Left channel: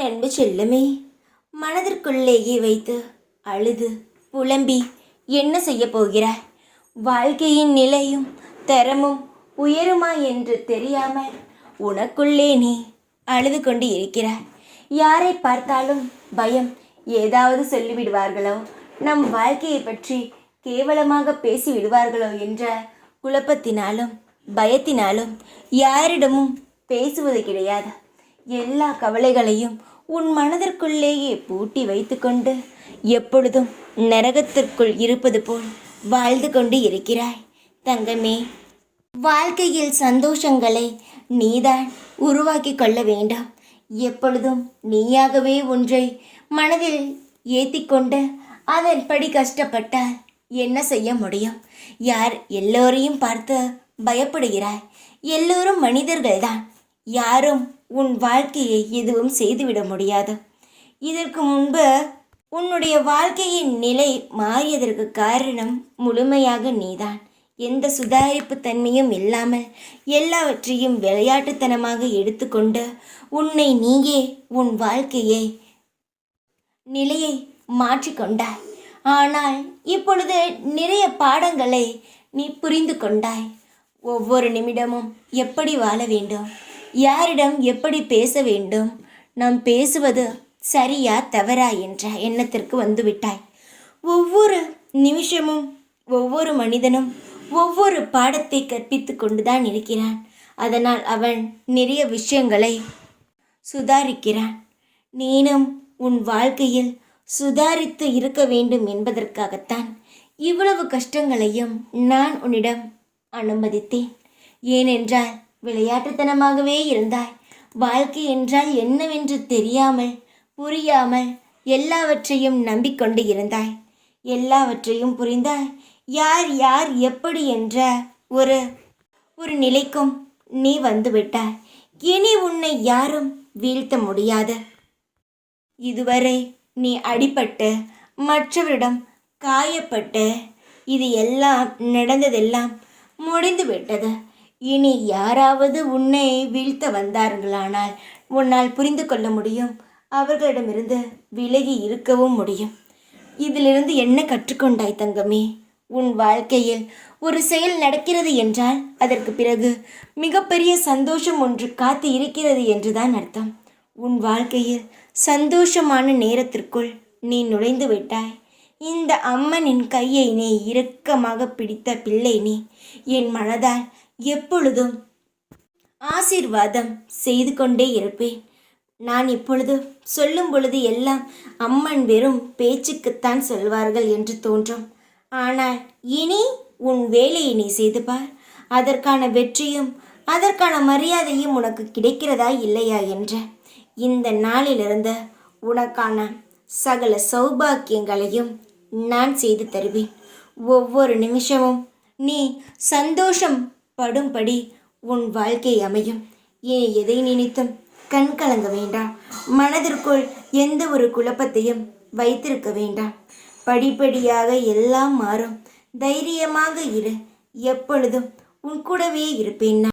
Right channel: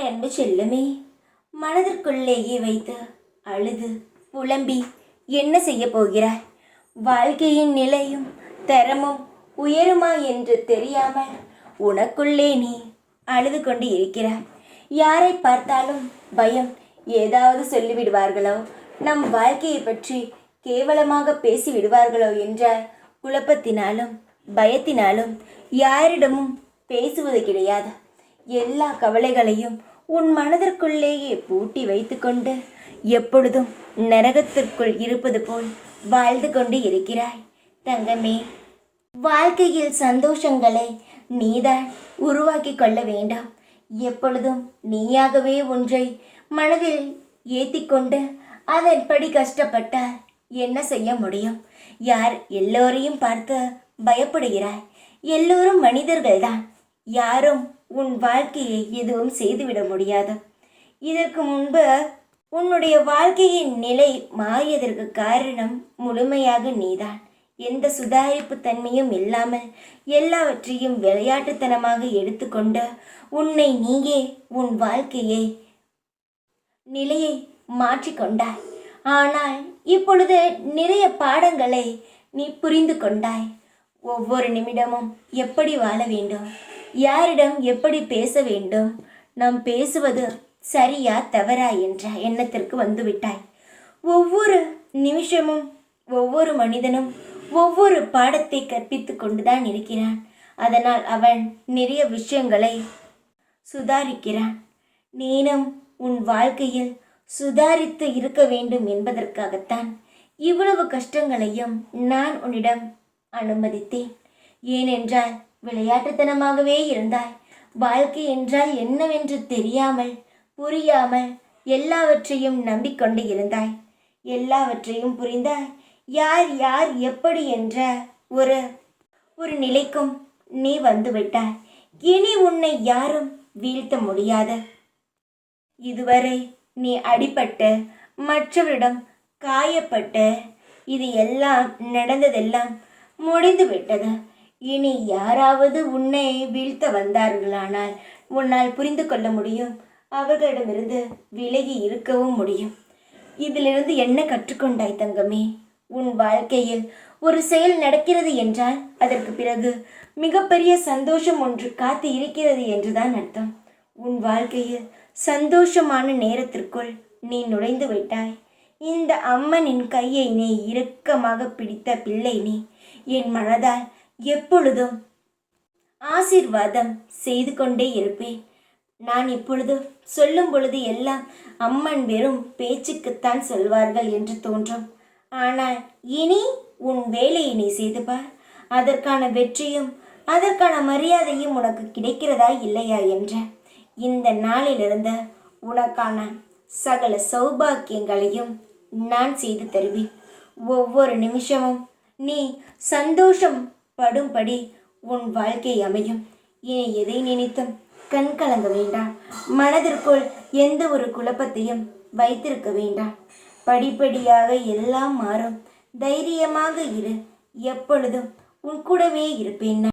அன்பு செல்லமே மனதிற்குள்ளேயே வைத்து அழுது புலம்பி என்ன செய்ய போகிறாய் வாழ்க்கையின் நிலையும் தரமும் உயருமா என்று தெரியாமல் உனக்குள்ளே நீ அழுது கொண்டு இருக்கிறாய் யாரை பார்த்தாலும் பயம் ஏதாவது சொல்லிவிடுவார்களோ? நம் வாழ்க்கையை பற்றி கேவலமாக பேசி விடுவார்களோ என்ற குழப்பத்தினாலும் பயத்தினாலும் யாரிடமும் பேசுவது கிடையாது. எல்லா கவலைகளையும் உன் மனதிற்குள்ளேயே பூட்டி வைத்துக்கொண்டு எப்பொழுதும் நரகத்திற்குள் இருப்பது போல் வாழ்ந்து கொண்டு இருக்கிறாய் தங்கமே. வாழ்க்கையில் சந்தோஷங்களை நீதான் உருவாக்கி கொள்ள வேண்டாம். எப்பொழுதும் நீயாகவே ஒன்றை மனதில் ஏத்திக்கொண்டு அதன்படி கஷ்டப்பட்டால் என்ன செய்ய முடியும்? யார் எல்லோரையும் பார்த்து பயப்படுகிறாய்? எல்லோரும் மனிதர்கள்தான். யாரும் உன் வாழ்க்கையை எதுவும் செய்துவிட முடியாது. இதற்கு முன்பு உன்னுடைய வாழ்க்கையின் நிலை மாறியதற்கு காரணம் முழுமையாக நீதான். எந்த சுதாரிப்பு தன்மையும் இல்லாமல் எல்லாவற்றையும் விளையாட்டுத்தனமாக எடுத்துக்கொண்டு உன்னை நீயே உன் வாழ்க்கையை நிலையை மாற்றிக்கொண்டாய். ஆனால் இப்பொழுது நிறைய பாடங்களை நீ புரிந்து கொண்டாய் ஒவ்வொரு நிமிடமும் எப்படி வாழ வேண்டும்? யாரிடம் எப்படி பேச வேண்டும்? நாம் பேசுவது சரியா தவறா என்ற எண்ணத்திற்கு வந்துவிட்டாய். ஒவ்வொரு நிமிஷமும் ஒவ்வொரு மனிதனும் ஒவ்வொரு பாடத்தை கற்பித்து கொண்டுதான் இருக்கிறான். அதனால் அவன் நிறைய விஷயங்களை சுதாரிக்கிறான். நீனும் உன் வாழ்க்கையில் சுதாரித்து இருக்க வேண்டும் என்பதற்காகத்தான் இவ்வளவு கஷ்டங்களையும் நான் உன்னிடம் அனுமதித்தேன். ஏனென்றால் விளையாட்டுத்தனமாகவே இருந்தாய். வாழ்க்கை என்றால் என்னவென்று தெரியாமல் புரியாமல் எல்லாவற்றையும் நம்பிக்கொண்டு இருந்தாய். எல்லாவற்றையும் புரிந்தாய் யார் யார் எப்படி என்ற ஒரு ஒரு நிலைக்கும் நீ வந்துவிட்டாய் இனி உன்னை யாரும் வீழ்த்த முடியாது. இதுவரை நீ அடிபட்டு மற்றவரிடம் காயப்பட்டு இது எல்லாம் நடந்ததெல்லாம் முடிந்து விட்டது இனி யாராவது உன்னை வீழ்த்த வந்தார்களானால் உன்னால் புரிந்து கொள்ள முடியும். அவர்களிடமிருந்து விலகி இருக்கவும் முடியும். இதிலிருந்து என்ன கற்றுக்கொண்டாய் தங்கமே? உன் வாழ்க்கையில் ஒரு செயல் நடக்கிறது என்றால் அதற்கு பிறகு மிகப்பெரிய சந்தோஷம் ஒன்று காத்து இருக்கிறது என்றுதான் அர்த்தம். உன் வாழ்க்கையில் சந்தோஷமான நேரத்திற்குள் நீ நுழைந்து விட்டாய். இந்த அம்மனின் கையை நீ இறுக்கமாக பிடித்த பிள்ளை நீ. என் மனதால் எப்பொழுதும் ஆசீர்வாதம் செய்து கொண்டே இருப்பேன். நான் இப்பொழுது சொல்லும் பொழுது எல்லாம் அம்மன் வெறும் பேச்சுக்குத்தான் சொல்வார்கள் என்று தோன்றும். ஆனால் இனி உன் வேலையை நீ செய்து பார். அதற்கான வெற்றியும் அதற்கான மரியாதையும் உனக்கு கிடைக்கிறதா இல்லையா என்ற. இந்த நாளிலிருந்து உனக்கான சகல சௌபாக்கியங்களையும் நான் செய்து தருவேன். ஒவ்வொரு நிமிஷமும் நீ சந்தோஷம் படும்படி உன் வாழ்க்கை அமையும். இனி எதை நினைத்தும் கண் கலங்க வேண்டாம். மனதிற்குள் எந்த ஒரு குழப்பத்தையும் வைத்திருக்க வேண்டாம். படிப்படியாக எல்லாம் மாறும். தைரியமாக இரு. எப்பொழுதும் உன் கூடவே இருப்பேன் நான்.